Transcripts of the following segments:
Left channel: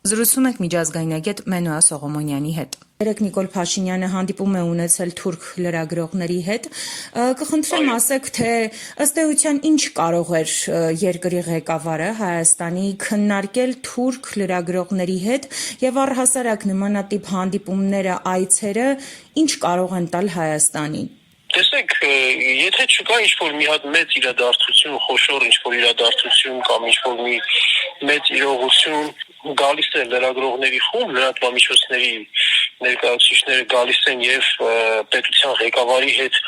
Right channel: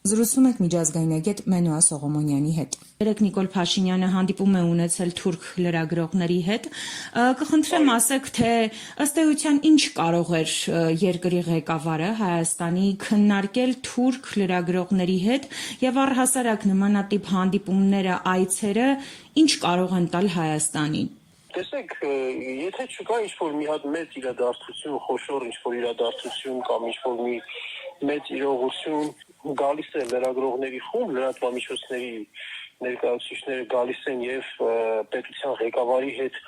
Զրուցում ենք միջազգայնագետ Մենուա Սողոմոնյանի հետ։ Երեկ Նիկոլ Փաշինյանը հանդիպում է ունեցել թուրք լրագրողների հետ։ Կխնդրեմ ասեք, թե ըստ էության ինչ կարող էր երկրի ղեկավարը Հայաստանի քննարկել թուրք լրագրողների հետ եւ առհասարակ նմանատիպ հանդիպումները, այցերը ինչ կարող են տալ Հայաստանին։ Տեսեք, եթե չկա ինչ-որ մի հատ մեծ իրադարձություն, խոշոր ինչ-որ իրադարձություն կամ ինչ-որ մի մեծ իրողություն, գալիս են լրագրողների խումբ, լրատվամիջոցների ներկայացուցիչները գալիս են եւ պետության ղեկավարի հետ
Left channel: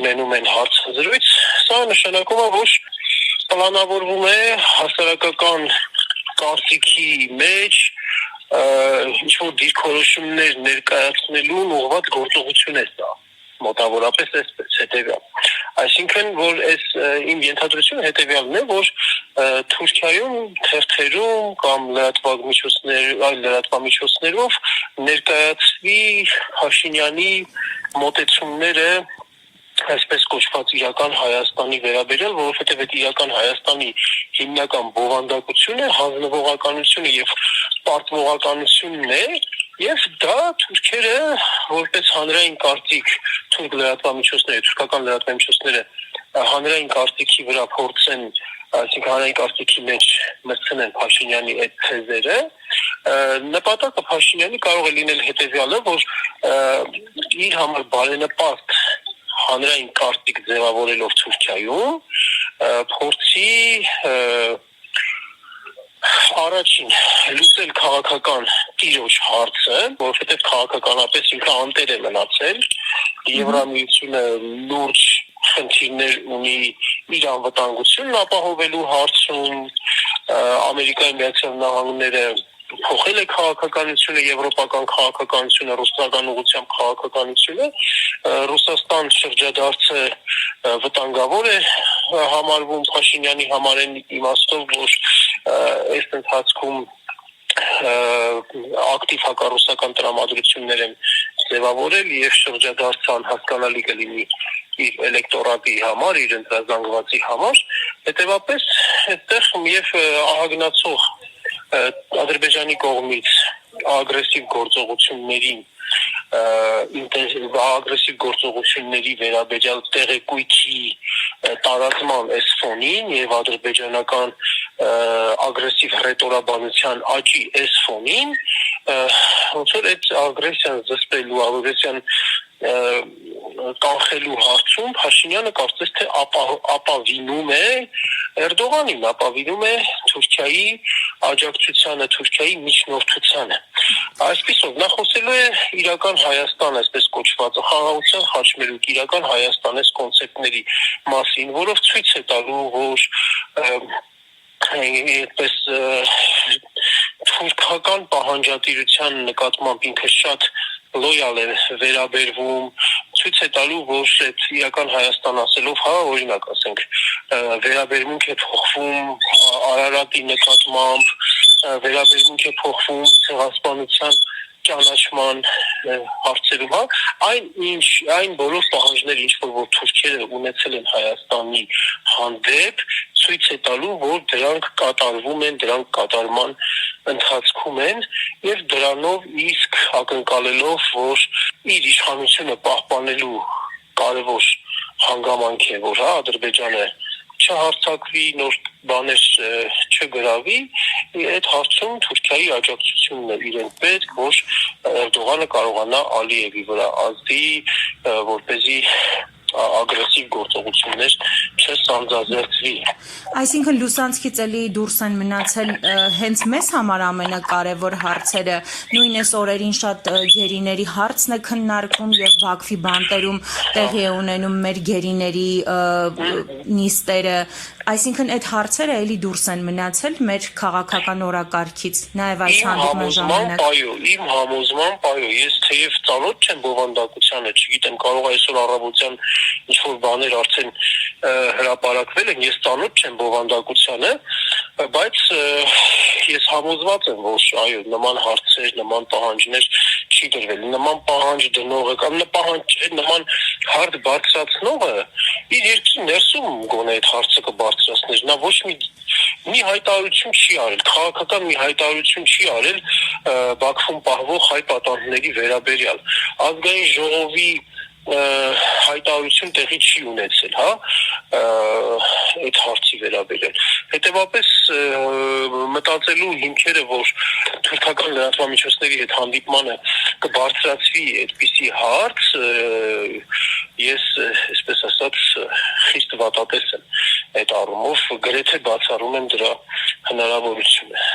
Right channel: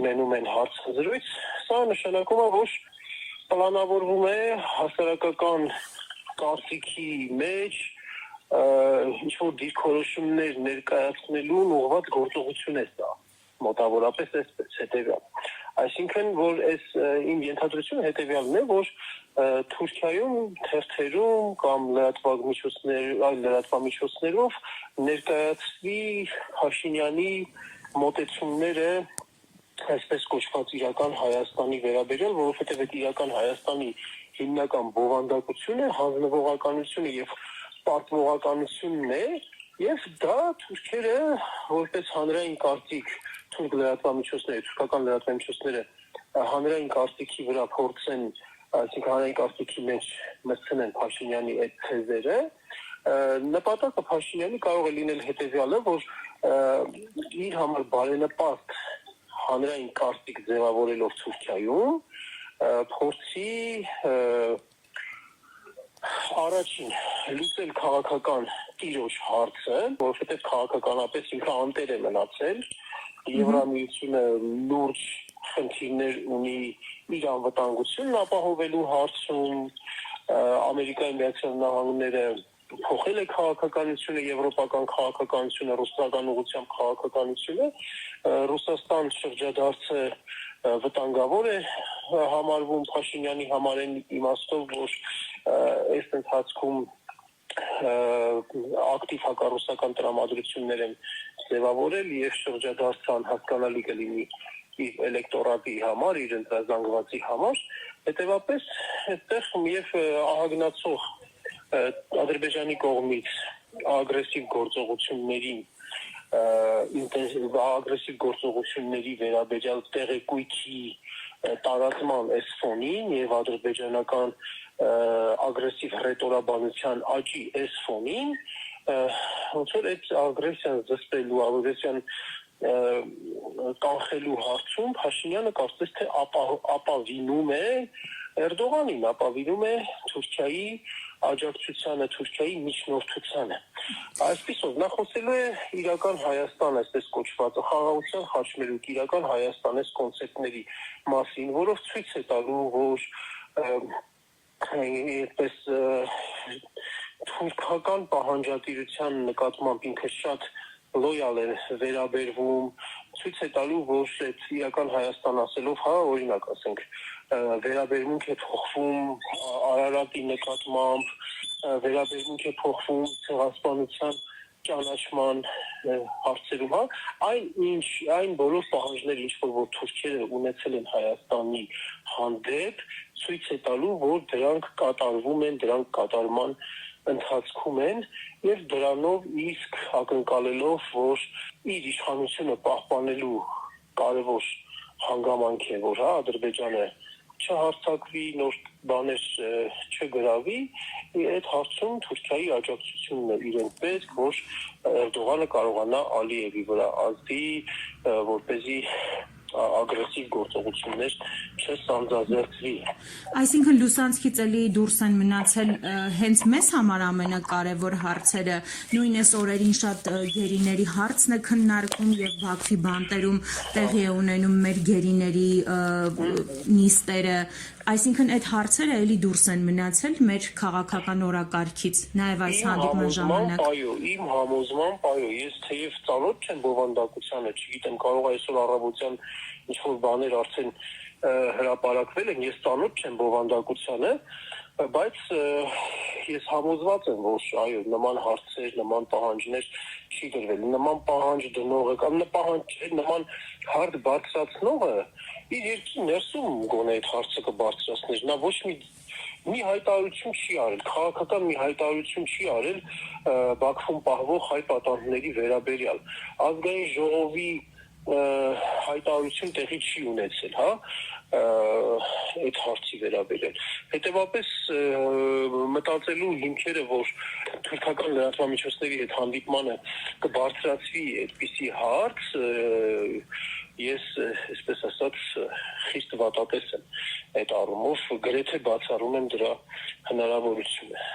ունենում են հարցազրույց, սա նշանակում է, որ պլանավորվում է հասարակական կարծիքի մեջ ինչ-որ դիրքորոշումներ ներկայացնելուն ուղղված գործողություն է սա։ Մոտավորապես այսպես հետևյալ։ Այսինքն, որ այս իմ ենթադրությունը հետևյալն է, որ Թուրքիայում թերթերում կամ այլ լրատվամիջոցներով ներկայացվի Փաշինյանի մոտեցումները այսպես կոչված իրական Հայաստանի վերաբերյալ, որովհետև այդ իրական Հայաստանի հիմնական բովանդակությունը հանձնվողականությունը եւ պարտվողականությունն է, եւ դա թուրքերը որպես հանրային կարծիք թուրք լրատվամիջոցները, թուրքական լրատվամիջոցները հանրային կարծիքի վրա փորձեն, այսինքն հանրային կարծիքի մեջ մտցնեն Փաշինյանի այդ թեզերը, նպատակը Փաշինյանի կարող է լինել հետեւյալը, որ իր համար բարենպաստ հանրային կարծիք ձևավորելով Թուրքիայում փորձի առաջին լուծել քաղաքական տիրոջ հարցը, որովհետև քաղաքականապես ինքը անտեր է մնացել, Եվրամիությունը լուրջ խնդիրներ ունի իր անվտանգությունն ապահովելու հարցում, Ամերիկայի Միացյալ Նահանգները փոխել է քաղաքականությունը, եվրոպական քաղաքականությունը, ռուսական ուղղությամբ քաղաքականությունը, Ռուսաստան շրջադարձը վտանգավոր է համարվում Փաշինյանի համար այն իմաստով, որ այս ընթացքում ակտիվ հակառուսական տրամադրություններ են ձևավորել եւ շրջադարձը անհասկանալի կլինի իր էլեկտորատի համար, իր ընտրազանգվածի համար, հետեւաբար այդտեղ եւ ահագնացող Ադրբեջանի կողմից ագրեսիվ գործողությունների վերաբերյալ տեղեկույթի տարածման այս ֆոնին եւ ադրբեջանական ագրեսիվ հռետորաբանության աճի այս ֆոնին ոնց որ այդ ագրեսիան զսպելու, ագրեսիան կանխելու հարցում Փաշինյանը կարծես թե ապավինում է Էրդողանին, ապավինում է Թուրքիայի աջակցությանը, Թուրքիայի միջնորդությանը։ Այսպիսով նա խոսելու է իրական Հայաստան, այսպես կոչված խաղաղության խաչմերուկ իրական Հայաստան այս կոնցեպտների մասին, որով ցույց է տալու, որ այդպես թուրքական պահանջատիրության նկատմամբ ինքը շատ լոյալ է վերաբերվում, ցույց է տալու, որ այդ իրական Հայաստան ասելով, օրինակ ասենք, վերաբերմունք է փոխվում Արարատի նկատմամբ, վերաբերմունք է փոխվում ցեղասպանության ճանաչման հարցերում, այն բոլոր պահանջները, ինչ որ թուրքերը ունեցել են Հայաստանի հանդեպ, ցույց է տալու, որ դրանք կատարվում են, դրանք կատարման ընթացքում են եւ դրանով իսկ ակնկալելով, որ իր իշխանությունը պահպանելու կարևոր հանգամանք է, որ Ադրբեջանը չհարցակվի, նոր բաներ չգրավի, այդ հարցում Թուրքիայի աջակցությունն է իրեն պետք, որ Էրդողանը կարողանա Ալիևի վրա ազդի, որպեսզի ագրեսիվ գործողություններ չսանձազերծվի։ Այսինքն լուսանցքից էլի դուրս են մնացել հենց մեզ համար ամենակարևոր հարցերը, նույն այս օրերին շատ գերիների հարցն է քննարկվում եւ Բաքվի բանտերում տեղի է ունենում մեր գերիների նիստերը, այսինքն այդ հարցերը էլի դուրս են մնացել մեր քաղաքական օրակարգից, նաեւ այս հանդիպման ժամանակ։ Իմ համոզմամբ, ես թեև ծանոթ չեմ բովանդակությանը, չգիտեմ, կարող է այսօր առավոտյան ինչ-որ բաներ արդեն հրապարակվել են, ես ծանոթ չեմ բովանդակությանը, բայց ես համոզված եմ, որ նման հարցեր, նման պահանջներ չի դրվել, նման պահանջ դնողը կամ նման հարց բարձրացնողը իր երկրի ներսում գոնե այդ հարցը կբարձրացներ, նա ոչ մի մի հայտարարություն չի արել, քաղաքական մի հայտարարություն չի արել Բաքվում պահվող հայ պատանդների վերաբերյալ։ Ազգային ժողովի հայտարարություն տեղի չի ունեցել, հա, այդ հարցի վերաբերյալ։ Հետևաբար մտածելու հիմքերը, որ թուրքական լրատվամիջոցների հետ հանդիպմանը կբարձրացվի այդպիսի հարց, ես, այսպես ասած, խիստ վատատես եմ այդ առումով, գրեթե բացառում եմ դրա հնարավորությունը։